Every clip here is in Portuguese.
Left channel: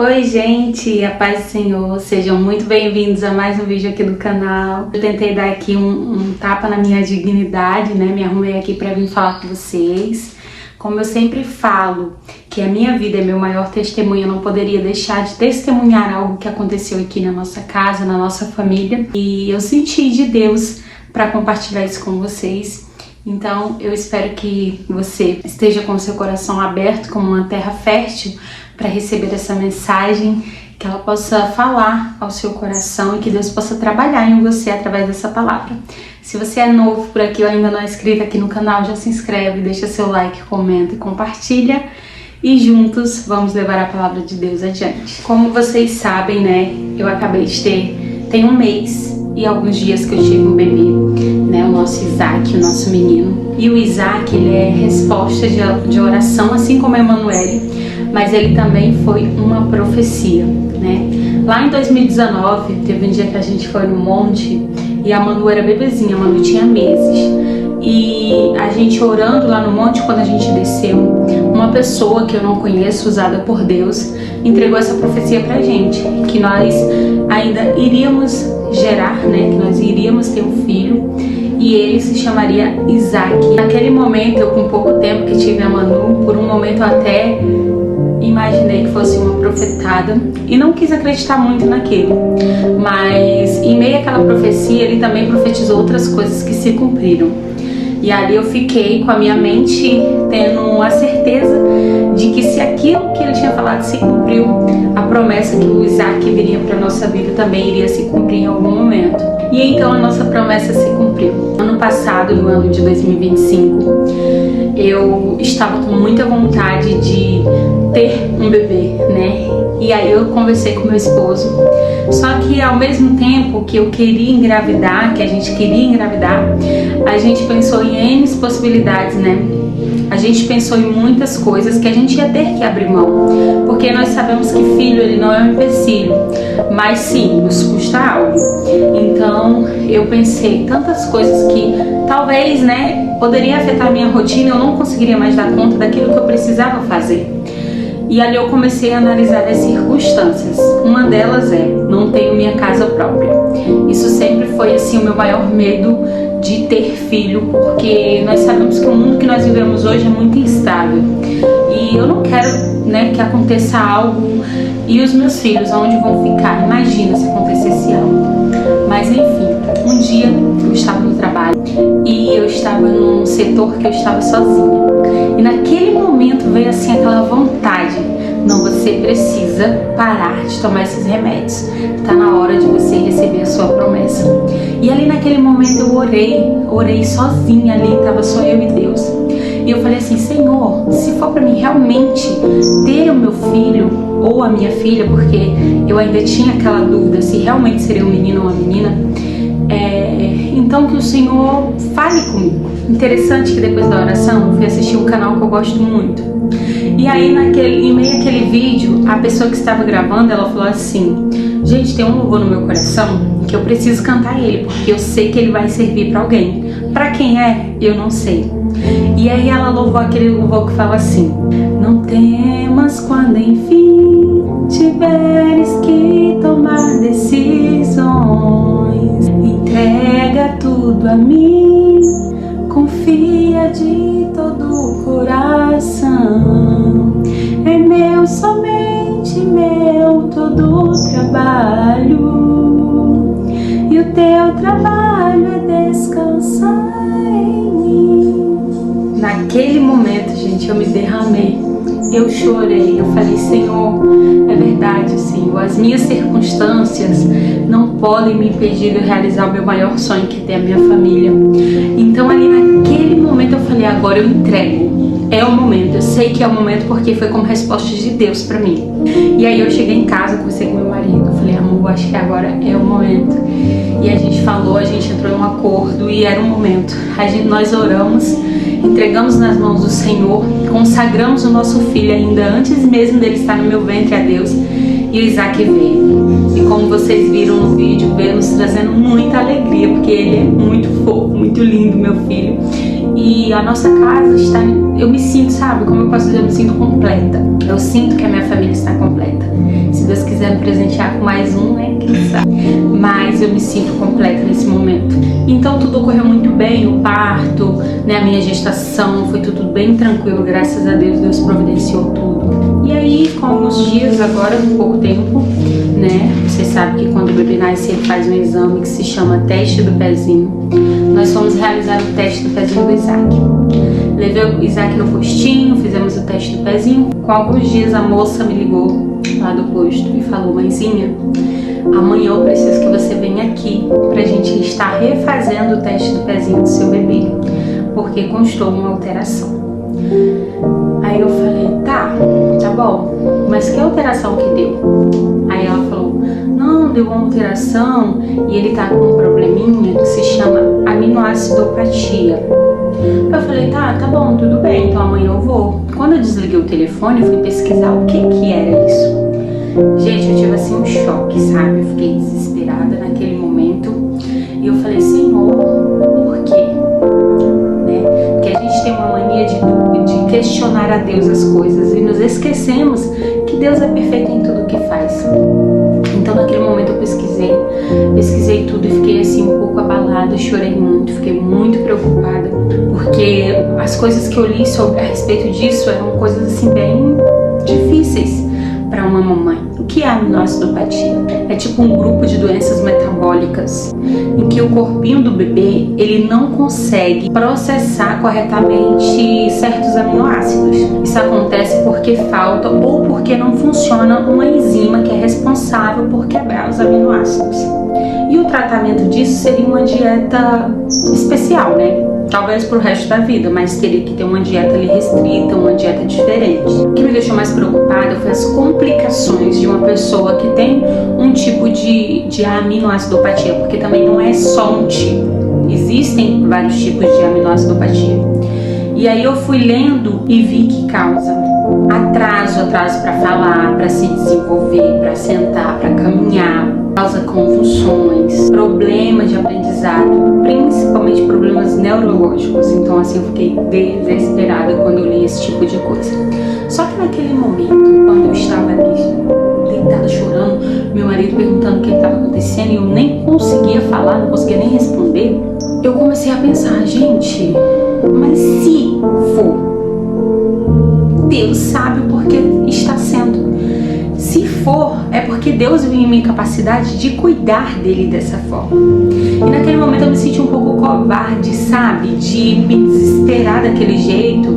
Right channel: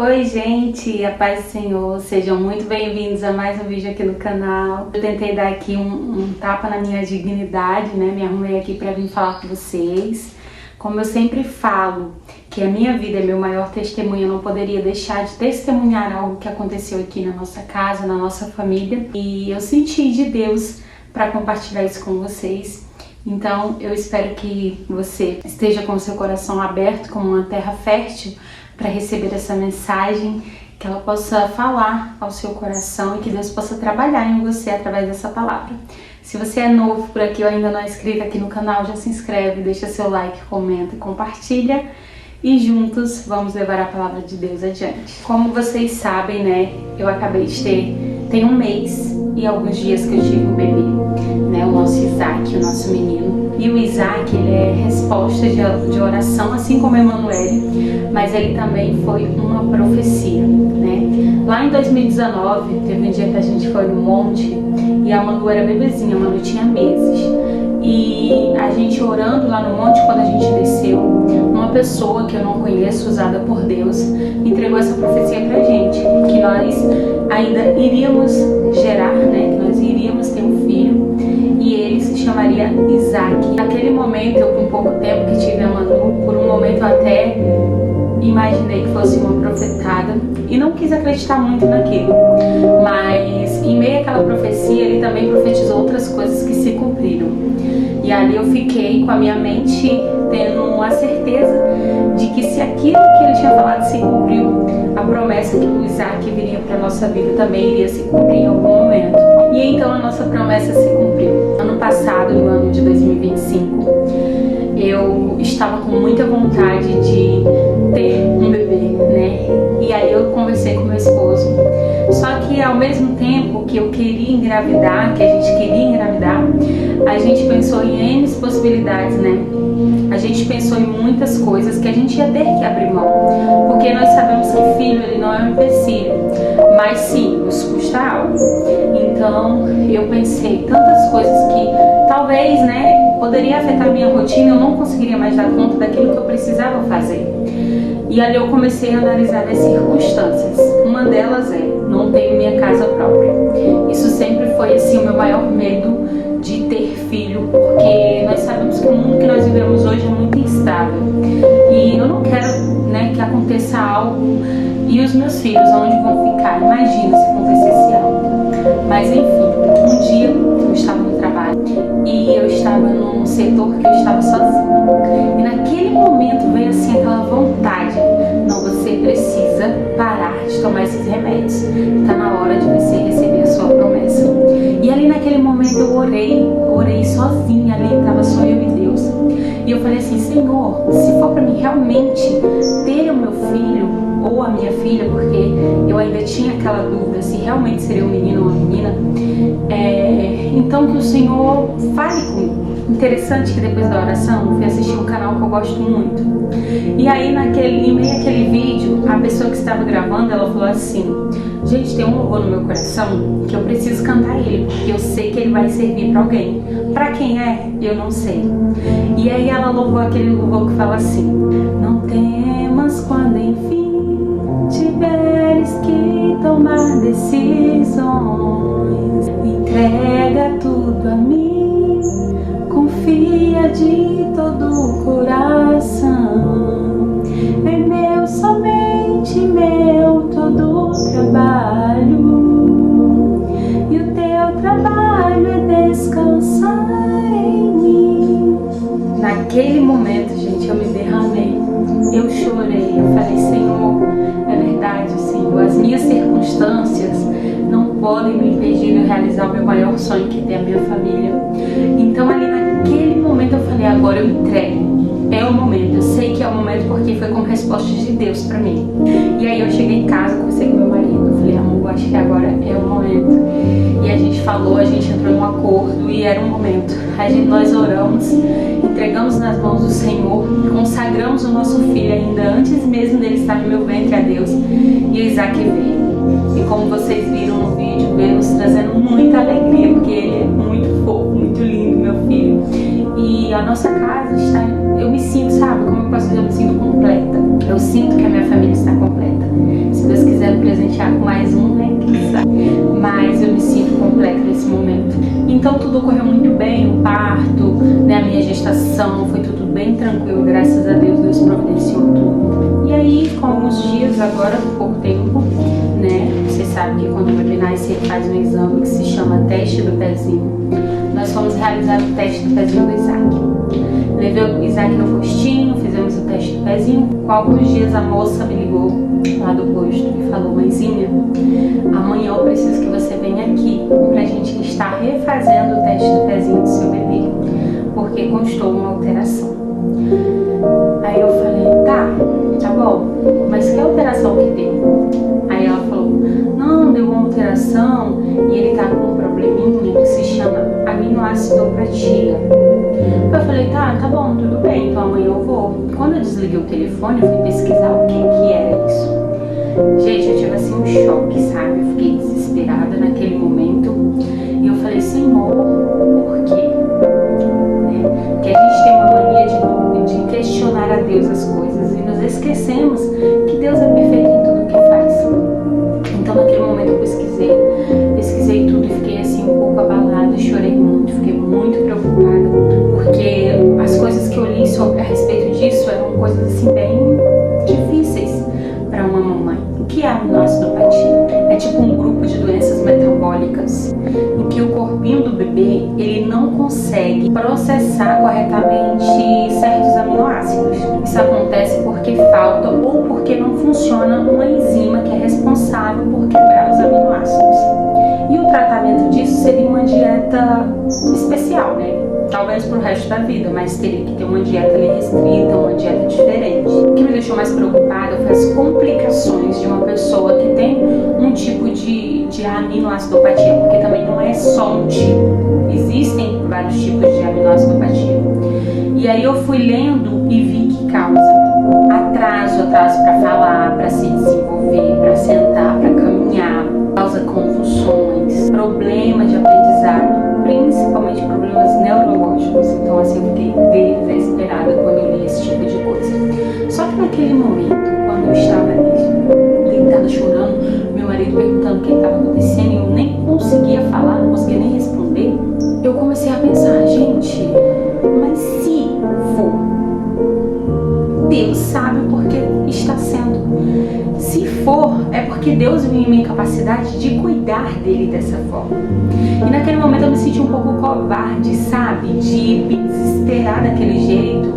Oi gente, a paz do Senhor, sejam muito bem-vindos a mais um vídeo aqui no canal. Eu tentei dar aqui um tapa na minha dignidade, né? Me arrumei aqui para vir falar com vocês. Como eu sempre falo, que a minha vida é meu maior testemunho, eu não poderia deixar de testemunhar algo que aconteceu aqui na nossa casa, na nossa família. E eu senti de Deus para compartilhar isso com vocês. Então eu espero que você esteja com o seu coração aberto como uma terra fértil para receber essa mensagem, que ela possa falar ao seu coração e que Deus possa trabalhar em você através dessa palavra. Se você é novo por aqui ou ainda não é inscrito aqui no canal, já se inscreve, deixa seu like, comenta e compartilha. E juntos vamos levar a palavra de Deus adiante. Como vocês sabem, né, eu acabei de tem um mês e alguns dias que eu tive um bebê, né, o nosso Isaac, o nosso menino. E o Isaac, ele é resposta de oração, assim como a Emanuele, mas ele também foi uma profecia, né? Lá em 2019, teve um dia que a gente foi no monte e a Manu era bebezinha, a Manu tinha meses. E a gente orando lá no monte, quando a gente desceu, uma pessoa que eu não conheço, usada por Deus, entregou essa profecia pra gente, que nós ainda iríamos gerar, né? Que nós iríamos ter um filho e ele se chamaria Isaac. Naquele momento, eu com pouco tempo que tive a Manu, por um momento eu até imaginei que fosse uma profetada e não quis acreditar muito naquilo, mas em meio àquela profecia ele também profetizou outras coisas que se cumpriram. E ali eu fiquei com a minha mente tendo a certeza de que se aquilo que ele tinha falado se cumpriu, a promessa que o Isaac viria para nossa vida também iria se cumprir em algum momento. E então a nossa promessa se cumpriu. Ano passado, no ano de 2025, eu estava com muita vontade de ter um bebê, né? E aí eu conversei com meu esposo. Só que ao mesmo tempo que eu queria engravidar, que a gente queria engravidar, a gente pensou em N possibilidades, né? A gente pensou em muitas coisas que a gente ia ter que abrir mão, porque nós sabemos que filho, ele não é um empecilho, mas sim, nos custa algo. Então eu pensei tantas coisas que talvez, né, poderia afetar a minha rotina, eu não conseguiria mais dar conta daquilo que eu precisava fazer. E ali eu comecei a analisar as circunstâncias. Uma delas é, não tenho minha casa própria. Isso sempre foi assim o meu maior medo de ter filho, porque nós sabemos que o mundo que nós vivemos hoje é muito instável. E eu não quero, né, que aconteça algo e os meus filhos, onde vão ficar? Imagina se acontecesse algo. Mas enfim, um dia eu estava no trabalho e eu estava num setor que eu estava sozinha. E naquele momento veio assim aquela vontade: não, você precisa parar de tomar esses remédios. Tá na hora de você receber a sua promessa. E ali naquele momento eu orei sozinha ali, tava só eu e Deus. E eu falei assim: Senhor, se for para mim realmente ter o meu filho ou a minha filha, porque eu ainda tinha aquela dúvida se realmente seria um menino ou uma menina, então que o Senhor fale comigo. Interessante que depois da oração eu fui assistir um canal que eu gosto muito. E aí em meio àquele vídeo, a pessoa que estava gravando, ela falou assim: gente, tem um louvor no meu coração que eu preciso cantar ele, porque eu sei que ele vai servir para alguém. Para quem é, eu não sei. E aí ela louvou aquele louvor que fala assim: não temas quando enfim tiveres que tomar decisões, entrega tudo a mim, confia de todo o coração. É meu, somente meu, todo o trabalho, e o teu trabalho é descansar em mim. Naquele momento, gente, eu me derramei, eu chorei, eu falei: Senhor, é verdade, Senhor, as minhas circunstâncias não podem me impedir de realizar o meu maior sonho, que é ter a minha família. Então ali naquele momento eu falei: agora eu entrego. É o momento, eu sei que é o momento, porque foi como resposta de Deus pra mim. E aí eu cheguei em casa, conversei com meu marido, eu falei: amor, acho que agora é o momento. E a gente falou, a gente entrou em um acordo e era o momento. Nós oramos, entregamos nas mãos do Senhor, consagramos o nosso filho ainda antes mesmo dele estar no meu ventre a Deus, e o Isaac veio. E como vocês viram no vídeo, veio nos trazendo muita alegria, porque ele é muito fofo, muito lindo, meu filho. E a nossa casa está, eu me sinto, sabe, como eu posso dizer, eu me sinto completa. Eu sinto que a minha família está completa. presentear com mais um, né? Quem sabe? Mas eu me sinto completa nesse momento. Então tudo ocorreu muito bem, o parto, né, a minha gestação, foi tudo bem tranquilo, graças a Deus, Deus providenciou tudo. E aí, com alguns dias, agora, pouco tempo, né, você sabe que quando o bebê nasce, ele faz um exame que se chama teste do pezinho. Nós fomos realizar o teste do pezinho do Isaac. Levei o Isaac no postinho, fizemos o teste do pezinho. Com alguns dias, a moça me ligou lá do posto e falou: mãezinha, amanhã eu preciso que você venha aqui pra gente estar refazendo o teste do pezinho do seu bebê, porque constou uma alteração. Aí eu falei: tá bom, mas que alteração que deu? Aí ela falou: não, deu uma alteração e ele tá com um probleminha que se chama aminoacidopatia. Eu falei: tá bom, tudo bem, então amanhã eu vou. Quando eu desliguei o telefone, eu fui pesquisar o que era isso. Gente, eu tive assim um choque, sabe? Eu fiquei desesperada naquele momento e eu falei: Senhor, por quê? Né? Porque a gente tem uma mania de questionar a Deus as coisas e nos esquecemos que Deus é perfeito em tudo que faz. Então naquele momento eu pesquisei tudo e fiquei assim um pouco abalada, chorei muito, fiquei muito preocupada, porque as coisas que eu li a respeito disso eram coisas assim bem difíceis para uma mamãe. O que é aminoacidopatia? É tipo um grupo de doenças metabólicas em que o corpinho do bebê ele não consegue processar corretamente certos aminoácidos. Isso acontece porque falta ou porque não funciona uma enzima que é responsável por quebrar os aminoácidos. E o tratamento disso seria uma dieta especial, né? Talvez pro resto da vida, mas teria que ter uma dieta ali restrita, uma dieta diferente. O que me deixou mais preocupada foi as complicações de uma pessoa que tem um tipo de aminoacidopatia, porque também não é só um tipo, existem vários tipos de aminoacidopatia. E aí eu fui lendo e vi que causa atraso para falar, para se desenvolver, para sentar, para caminhar, causa convulsões, problemas de aprendizado, principalmente problemas neurológicos. Então assim, eu fiquei desesperada quando eu li esse tipo de coisa. Só que naquele momento, quando eu estava ali deitada chorando, meu marido perguntando o que estava acontecendo e eu nem conseguia falar, não conseguia nem responder, eu comecei a pensar: gente, mas se for, Deus sabe o porquê está sendo. Se for, é porque Deus viu em mim capacidade de cuidar dele dessa forma. E naquele momento eu me senti um pouco covarde, sabe? De me desesperar daquele jeito.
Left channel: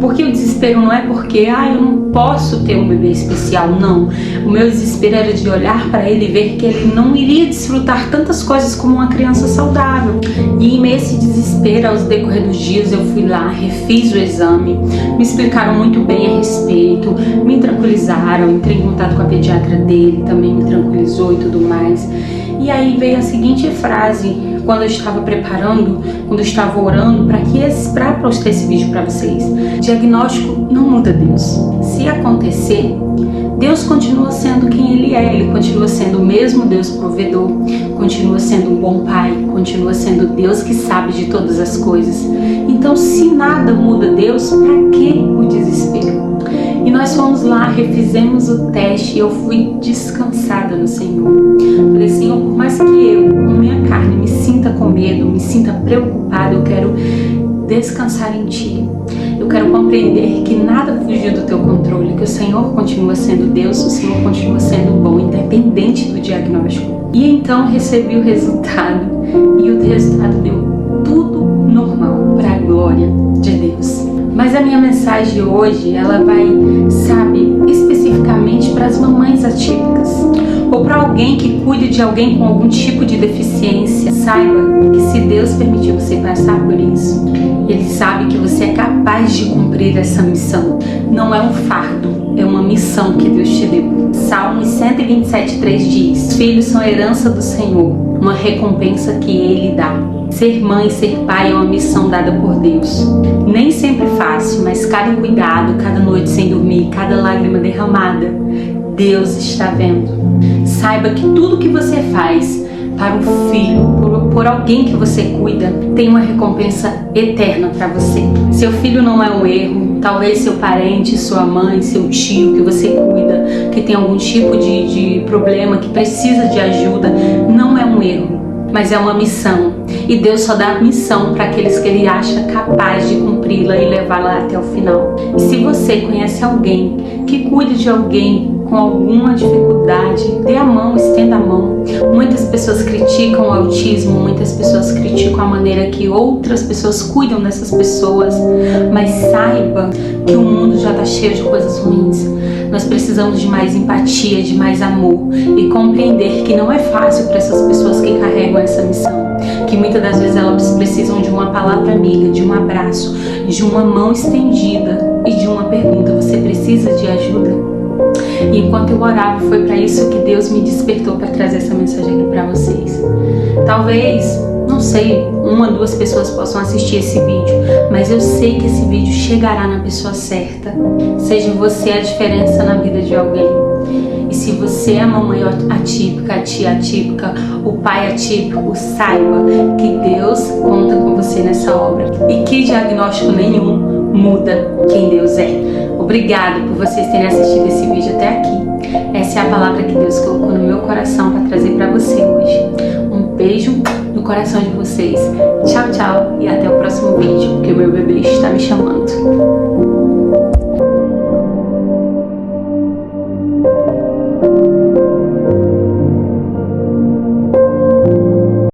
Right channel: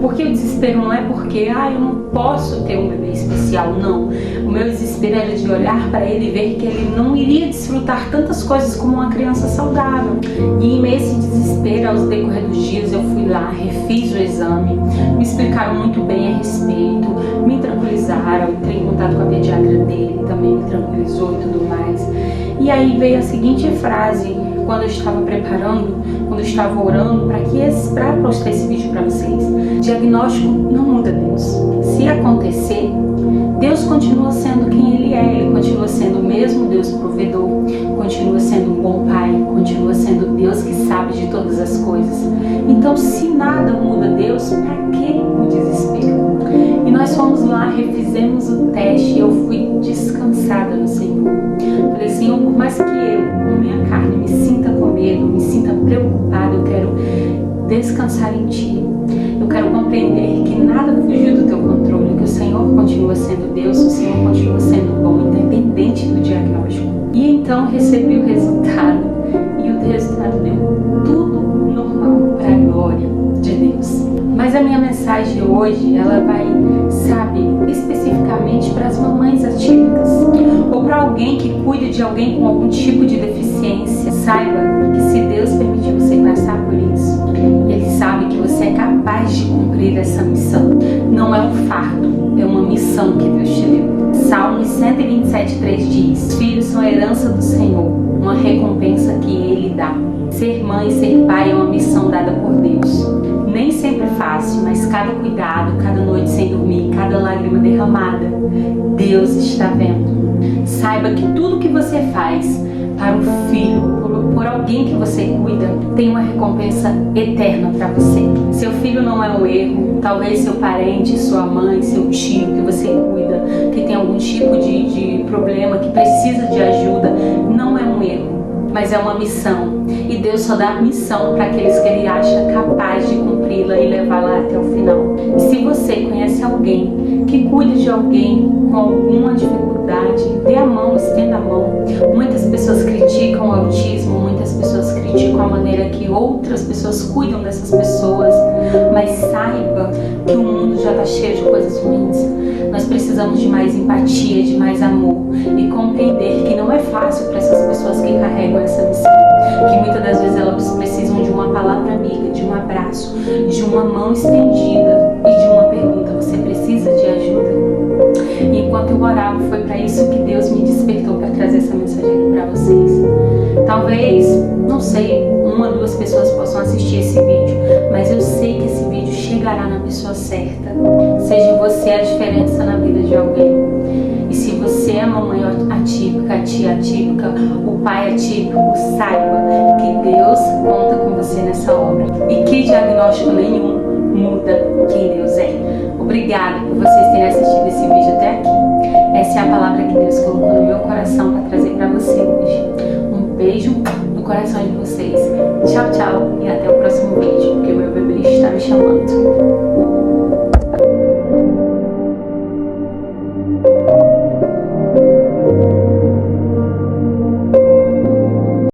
Porque o desespero não é porque eu não posso ter um bebê especial, não. O meu desespero era de olhar para ele e ver que ele não iria desfrutar tantas coisas como uma criança saudável. E em meio a esse desespero, aos decorrer dos dias, eu fui lá, refiz o exame, me explicaram muito bem a respeito, me tranquilizaram, entrei em contato com a pediatra dele, também me tranquilizou e tudo mais. E aí veio a seguinte frase, quando eu estava preparando, quando eu estava orando para postar esse vídeo para vocês: diagnóstico não muda Deus. Se acontecer, Deus continua sendo quem Ele é. Ele continua sendo o mesmo Deus provedor, continua sendo um bom pai, continua sendo Deus que sabe de todas as coisas. Então, se nada muda Deus, para que o desespero? E nós fomos lá, refizemos o teste e eu fui descansada no Senhor. Falei: Senhor, por mais que eu, com minha carne, me sinta com medo, me sinta preocupada, eu quero descansar em Ti. Eu quero compreender que nada fugiu do Teu controle, que o Senhor continua sendo Deus, o Senhor continua sendo bom, independente do diagnóstico. E então recebi o resultado, e o resultado deu tudo normal, para a glória de Deus. Mas a minha mensagem hoje, ela vai, especificamente para as mamães atípicas, ou para alguém que cuide de alguém com algum tipo de deficiência. Saiba que se Deus permitir você passar por isso, Ele sabe que você é capaz de cumprir essa missão. Não é um fardo, é uma missão que Deus te deu. Salmos 127:3 diz: filhos são herança do Senhor, uma recompensa que Ele dá. Ser mãe e ser pai é uma missão dada por Deus. Nem sempre fácil, mas cada cuidado, cada noite sem dormir, cada lágrima derramada, Deus está vendo. Saiba que tudo que você faz para o filho, por alguém que você cuida, tem uma recompensa eterna para você. Seu filho não é um erro. Talvez seu parente, sua mãe, seu tio que você cuida, que tem algum tipo de problema, que precisa de ajuda, não é um erro, mas é uma missão. E Deus só dá missão para aqueles que Ele acha capaz de cumpri-la e levá-la até o final. E se você conhece alguém que cuide de alguém com alguma dificuldade, dê a mão, estenda a mão. Muitas pessoas criticam o autismo, muitas pessoas criticam a maneira que outras pessoas cuidam dessas pessoas, mas saiba que o mundo já está cheio de coisas ruins. Nós precisamos de mais empatia, de mais amor e compreender que não é fácil para essas pessoas que carregam essa missão, que muitas das vezes elas precisam de uma palavra amiga, de um abraço, de uma mão estendida e de uma pergunta: você precisa de ajuda? E enquanto eu orava, foi para isso que Deus me despertou para trazer essa mensagem aqui para vocês. Talvez, não sei, 1 ou 2 pessoas possam assistir esse vídeo, mas eu sei que esse vídeo chegará na pessoa certa. Seja você a diferença na vida de alguém. E se você é a mamãe atípica, a tia atípica, o pai atípico, saiba que Deus conta com você nessa obra. E que diagnóstico nenhum muda quem Deus é. Obrigado por vocês terem assistido esse vídeo até aqui. Essa é a palavra que Deus colocou no meu coração para trazer para você hoje. Um beijo no coração de vocês. Tchau, tchau e até o próximo vídeo, porque o meu bebê está me chamando.